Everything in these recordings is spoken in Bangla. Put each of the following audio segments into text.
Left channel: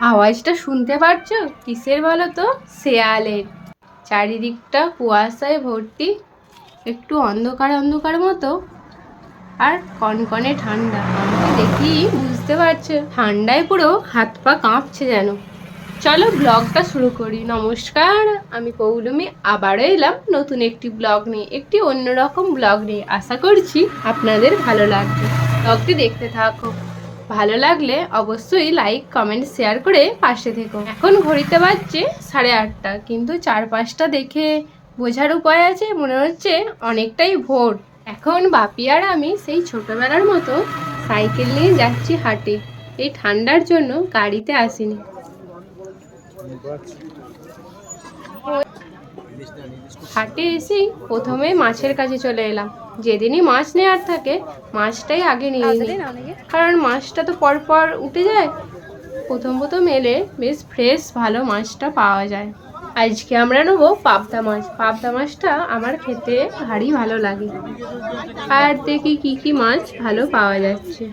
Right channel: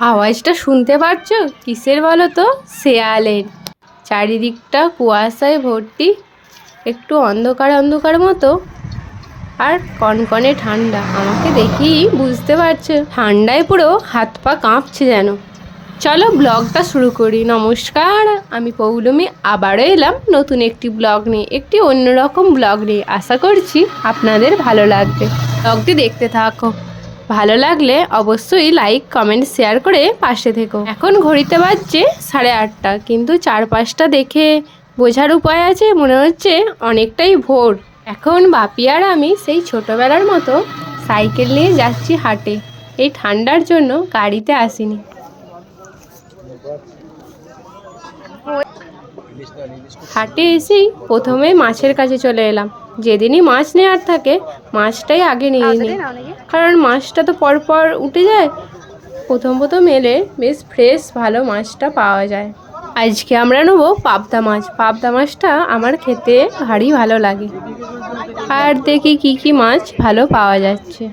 আওয়াজটা শুনতে পারছো? কিসের বলো তো? শেয়ালের। চারিদিকটা কুয়াশায় ভর্তি, একটু অন্ধকার অন্ধকার মতো, আর কনকনে ঠান্ডা। আমাকে দেখেই বুঝতে পারছো, ঠান্ডায় পুরো হাত পা কাঁপছে যেন। চলো ব্লগটা শুরু করি। নমস্কার, আমি পৌলমী আবারও এলাম নতুন একটি ব্লগ নিয়ে, একটি অন্যরকম ব্লগ নিয়ে। আশা করছি আপনাদের ভালো লাগবে। ব্লগটি দেখতে থাকো। ভালো লাগলে অবশ্যই লাইক কমেন্ট শেয়ার করে পাশে থেকো। এখন ঘড়িতে বাজছে 8:30, কিন্তু চারপাশটা দেখে বোঝার উপায় আছে, মনে হচ্ছে অনেকটাই ভোর। এখন বাপি আর আমি সেই ছোটবেলার মতো সাইকেল নিয়ে যাচ্ছি হাটে। এই ঠান্ডার জন্য গাড়িতে আসিনি। হাটে এসেই প্রথমে মাছের কাছে চলে এলাম। যেদিনই মাছ নেওয়ার থাকে মাছটাই আগে নিয়ে নিই, কারণ মাছটা তো পরপর উঠে যায়। প্রথম প্রথম এলে বেশ ফ্রেশ ভালো মাছটা পাওয়া যায়। আজকে আমরা নেবো পাবদা মাছ। পাবদা মাছটা আমার খেতে ভারী ভালো লাগে। আর দেখি কি কি মাছ ভালো পাওয়া যাচ্ছে।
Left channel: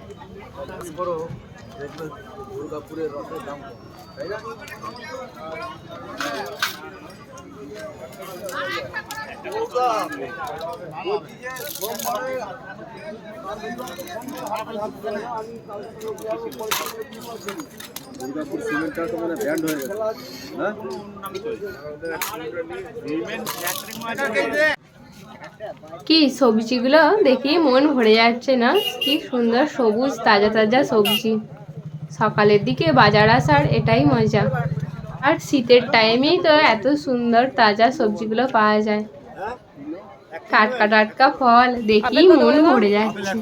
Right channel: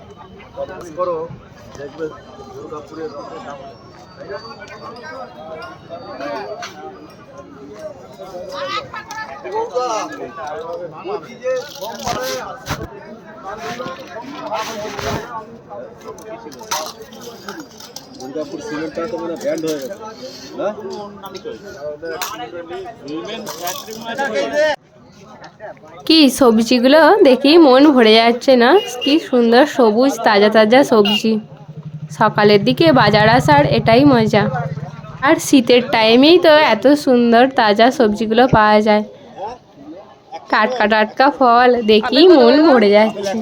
দুর্গাপুর সিমেন্টটা তো মানে ব্যান্ড হয়ে গেছে না? কি সবজিগুলো দেখেই মন ভরে যাচ্ছে না? কি সুন্দর সবুজ তাজা তাজা সবজি। সকালের দিকে বাজার আসার এটাই মজা। আর শীতের টাইমেই তো এত সুন্দর তাজা সবজিগুলো পাওয়া যায়। টাটকা টাটকা ফল দেখেই মন ভরে যাচ্ছে।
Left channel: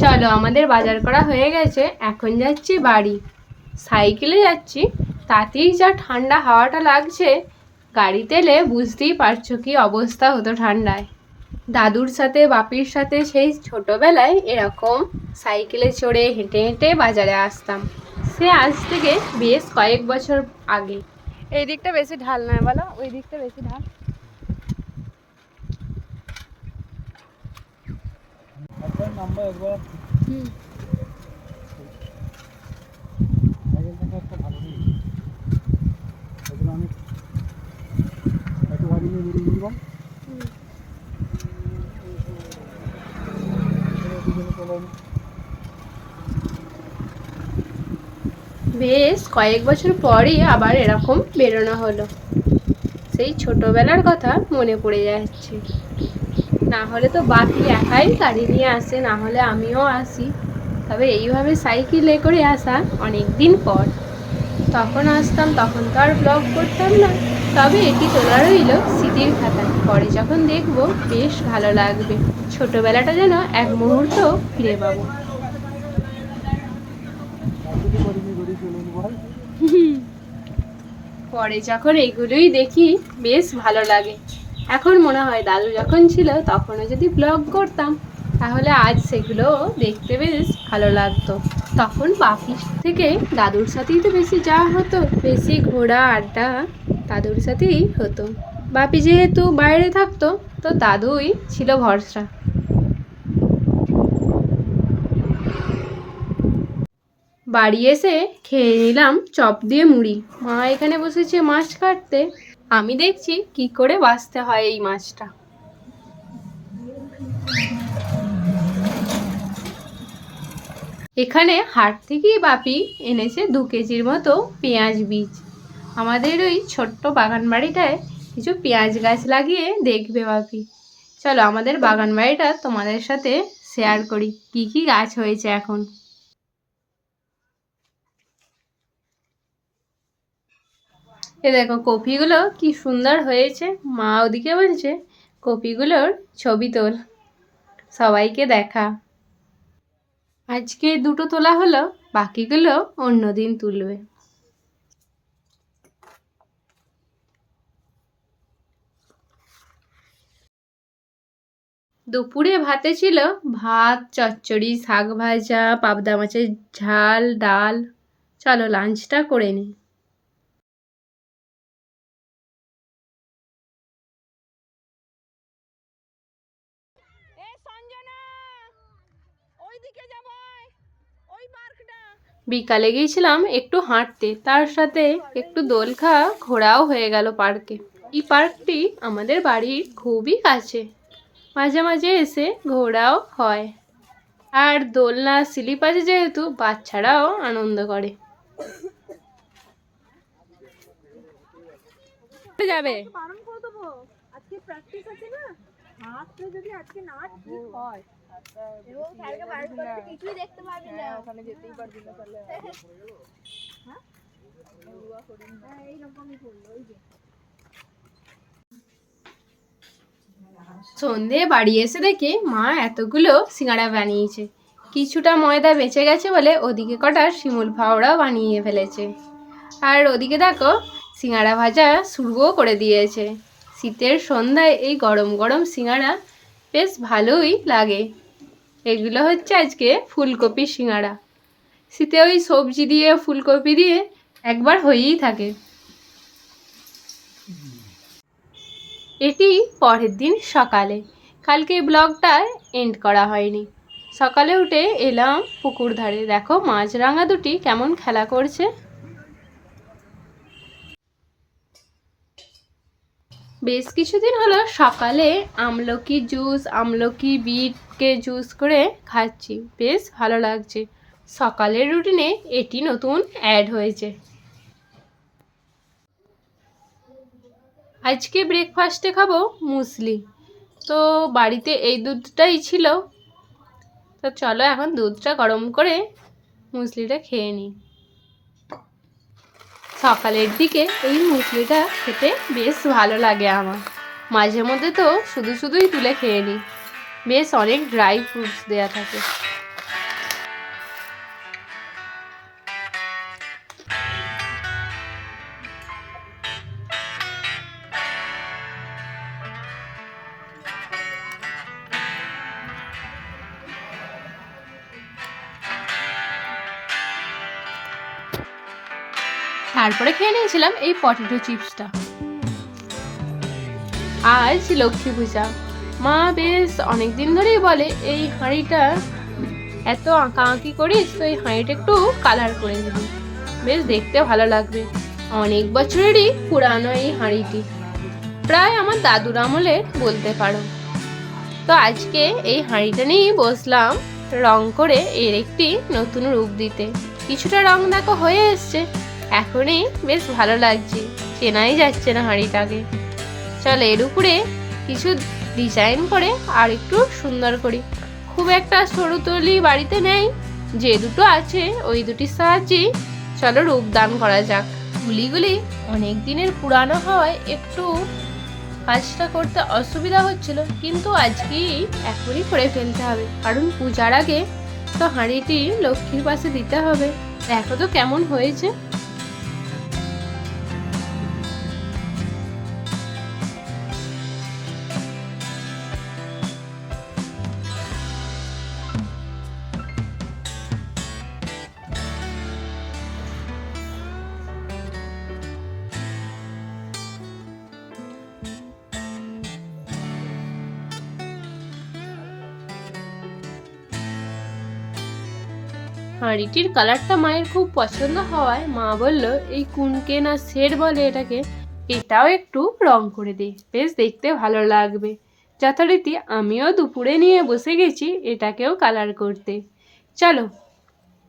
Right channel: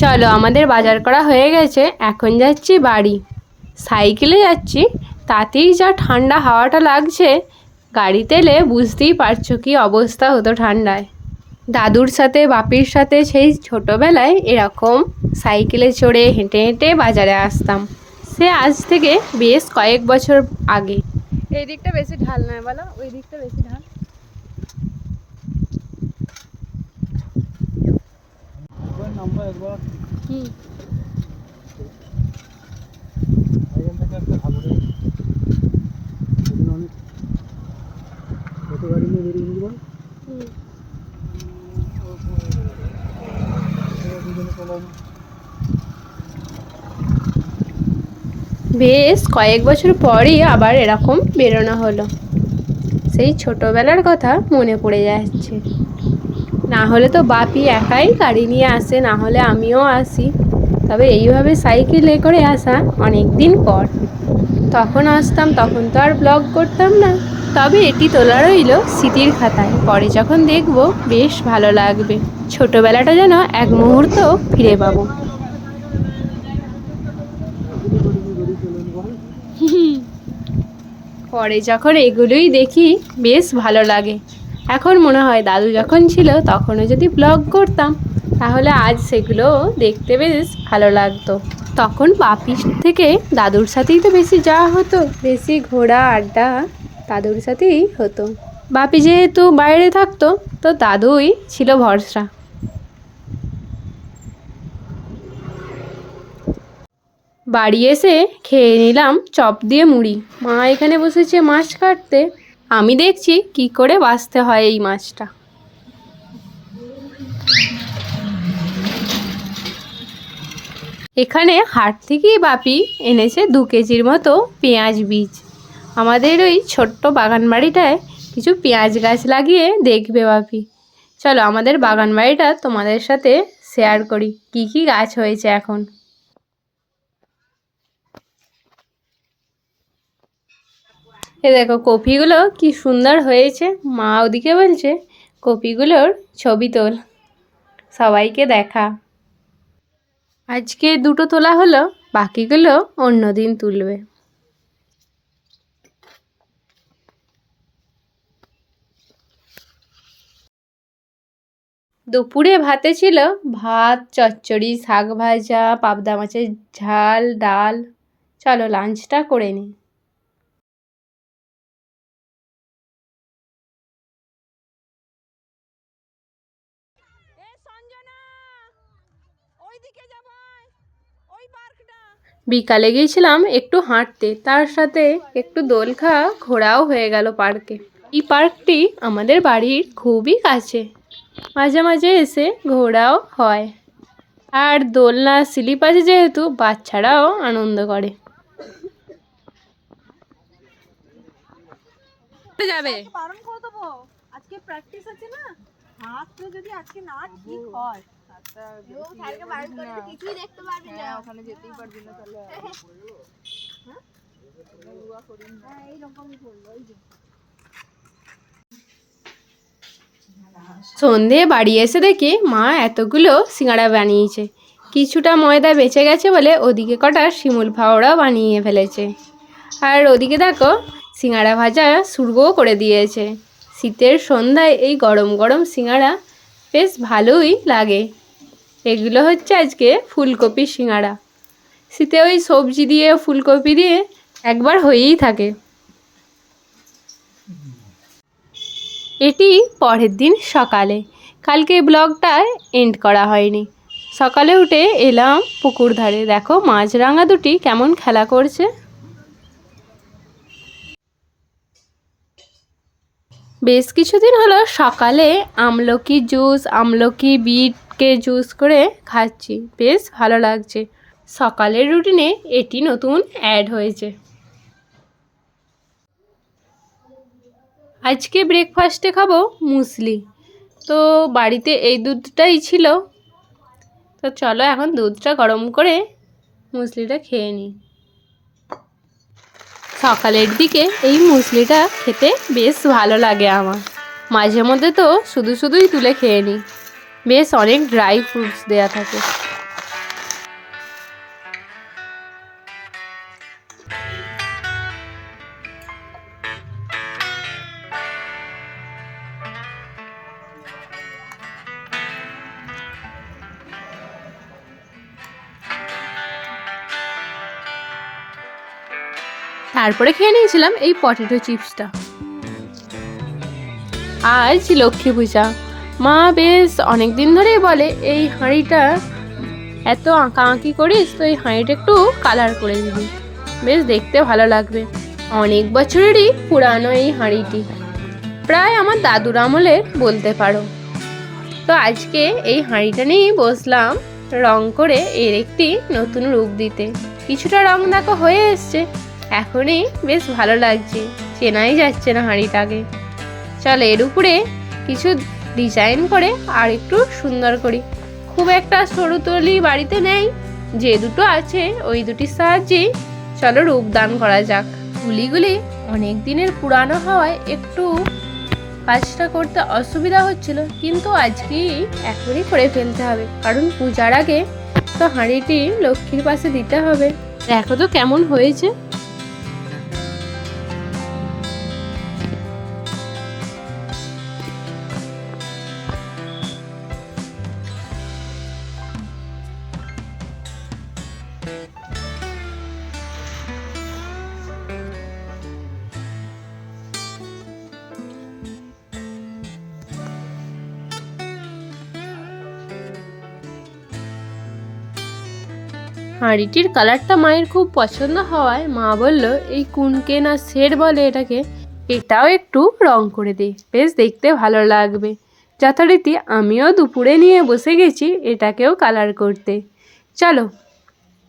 চলো, আমাদের বাজার করা হয়ে গেছে, এখন যাচ্ছি বাড়ি। সাইকেলে যাচ্ছি, তাতেই যা ঠান্ডা হাওয়াটা লাগছে। গাড়িতে এলে বুঝতেই পারছো কি অবস্থা হতো ঠান্ডায়। দাদুর সাথে বাপির সাথে সেই ছোটোবেলায় এরকম সাইকেলে চড়ে হেঁটে হেঁটে বাজারে আসতাম। সে আজ থেকে বেশ কয়েক বছর আগে। এই দিকটা বেশি ঢাল নয় বলো, ওই দিকটা বেশি ঢাল। নাম্বার একবার হুম, এখান থেকে একটা ভালো আমি কত গাড়ি নিয়ে বেরিয়ে নিলাম। বেশ কয়েক বছর পরই আবার এরকম বেরোনো হলো। সেই ছোটোবেলার কথা মনে পড়ে যাচ্ছে। না হলে তো বাপি একাই গাড়ি নিয়ে আসে, না হলে আমিও আসি। তবে এইভাবে সাইকেলে করে আসা অনেক দিন পর। তখন আসতাম, তখন তো আর ব্লগ করতাম না। তবে এটি তোলা রইল স্মৃতির খাতায়। পরে যখন দেখব বেশ ভালো লাগবে। ছোটবেলাটা যেন এক মুহূর্ত ফিরে পাবো। পরে যখন এগুলোই দেখি বেশ ভালো লাগে। এখন মনে হয় দাদু যখন ছিল তখনও যদি ব্লগ করতাম, তাহলে আজ সেগুলো দেখতে বেশ ভালো লাগতো। তখন বাপির থেকে দাদুর সাথেই তো বেশি যাওয়া হতো, বেশি ঘোরা আড্ডা দাদুর সাথেই হতো। বাপি যেহেতু বাইরে থাকতো, তো দাদুই ছিল ভরসা। বাড়ি এসে খেয়ে নিলাম চপ দিয়ে মুড়ি। মা এখানে বসেছে মাছ কাটতে, আমি দেখছি কি করে বাছতে হয় এই মাছটা। এখানে হাট থেকেই বাপি এনেছে 2 কেজির মতো পেঁয়াজ বীজ। আমাদের ওই ছোট্ট বাগান বাড়িটায় কিছু পেঁয়াজ গাছ লাগিয়ে দেখবে বাপি। চলো আমাদের বাগান বাড়িটা তোমাদের সাথে শেয়ার করি, কি কি গাছ হয়েছে এখন। এ দেখো কপিগুলো কি সুন্দর হয়েছে। মা ওদিকে বলছে কপিগুলোর ছবি তোল, সবাইকে দেখা। আজকে 2টো তোলা হলো, বাকিগুলো অন্য দিন তুলবে। দুপুরে ভাতে ছিল ভাত, চচ্চড়ি, শাক ভাজা, পাবদা মাছের ঝাল, ডাল। চলো লাঞ্চটা করে নিই। এই সঞ্জনা, ওই বিকালে গিয়েছিলাম একটু হাঁটতে, তার সাথে একটু দোল খাওয়া ঘোরাও হয়ে গেল পার্কে। এই পার্কটি আমাদের বাড়ির খুবই কাছে, মাঝে মাঝে এসে ঘোরাও হয়। আর দোলনা স্লিপ আছে যেহেতু বাচ্চারাও আনন্দ করে। যাবে বারণ করে দেবো, আজকে প্র্যাকটিস আছে না, হাতটা যদি আজকে না ঠিক হয় কিছুই দেখতে পারবি না, ওখানে যেতেই পারবি না তাহলে। সন্ধে বাড়ি এসে দেখি মা এতগুলো সিঙ্গাড়া বানিয়েছে। কিছুটা ময়দা বেঁচে গেছে বলে ওদিকে কটা শিমুল ফাওড়াও বানিয়ে ফেলেছে। আর ওদিকে দেখো সিঙ্গাড়া ভাজা শুরুও করে দিয়েছে। শীতের সন্ধ্যায় এই গরম গরম সিঙ্গাড়া বেশ ভালোই লাগে। এগুলো হচ্ছে আজকে ফুলকপি সিঙ্গাড়া। শীতে ওই সবজি দিয়ে ফুলকপি দিয়ে একবার হয়েই থাকে। এটি পরের দিন সকালে, কালকে ব্লগটা এন্ড করা হয়নি। সকালে উঠে এলাম পুকুর ধারে, দেখো মাছরাঙা দুটি কেমন খেলা করছে। বেশ কিছুদিন হলো সকালে আমলকি জুস, আমলকি বিটকে জুস করে খাচ্ছি, বেশ ভালো লাগছে। সকালের রুটিনে এটি নতুন অ্যাড হয়েছে। আজকে ব্রেকফাস্টে খাবো মুসলি, তো বাড়িতে এই দুধটাই ছিল, তো চলো এখন দুধটা গরম করে মুসলিটা খেয়ে নিই। সকালের দিকে এই মুসলিটা খেতে বেশ ভালো লাগে আমার। মাঝে মধ্যে তো শুধুই তুলে খেয়ে নিই, বেশ অনেক ড্রাই ফ্রুটস দেওয়া থাকে। তারপরে খেয়ে নিয়েছিলাম এই পটেটো চিপসটা। আজ লক্ষ্মী পূজা, মা বেশ অনেক দিন ধরেই বলে এই হাঁড়িটা এত আঁকা আঁকি করিস, তো এই হাঁড়িটা একটু কালার করে দিবি, বেশ দেখতে ভালো লাগবে। অনেক বছরেরই পুরানো এই হাঁড়িটি, প্রায় আমার দাদুর আমলের বলতে পারো। তো আজকে এই হাঁড়িটা নিয়েই বসলাম রং করে এর একটি নতুন রূপ দিতে। কিছুটা রং দেখো হয়ে এসছে, এখনই বেশ ভালো লাগছে, চেনাই যাচ্ছে না হাঁড়িটাকে। চল এর উপরে কিছু ডিজাইন করে আর একটু সুন্দর করি। খুব একটা সরু তলি বাড়িতে নেই, যে দুটো আছে ওই দুটির সাহায্যেই চলো রূপদান করা যাক। তুলিগুলি অনেক দিনের পুরানো হওয়ায় একটু কাজটা করতে অসুবিধা হচ্ছিল, কিন্তু আজকেই এখনই করে ফেলতে হবে, কারণ পূজার আগে তো হাঁড়িটি লক্ষ্মীর পাশে দিতে হবে। দেখো তো কেমন হয়েছে। হাঁড়িটির কালারটা মায়ের খুব পছন্দ হওয়ায় মা বলল এই কুনকে না শেড বলে এটাকে, এটাও একটু রং করে দে, বেশ দেখতে ভালো লাগবে। যথারীতি আমিও দুপুরে নিয়ে বসে গেছি এটাকেও কালার করতে। চলো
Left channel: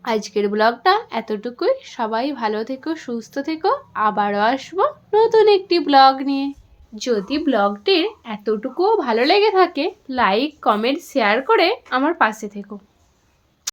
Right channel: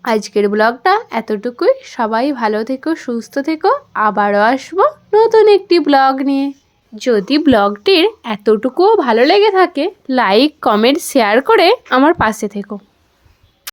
আজকের ব্লগটা এতটুকুই, সবাই ভালো থেকো, সুস্থ থেকো, আবারও আসবো নতুন একটি ব্লগ নিয়ে। যদি ব্লগটির এতটুকুও ভালো লেগে থাকে লাইক কমেন্ট শেয়ার করে আমার পাশে থেকো।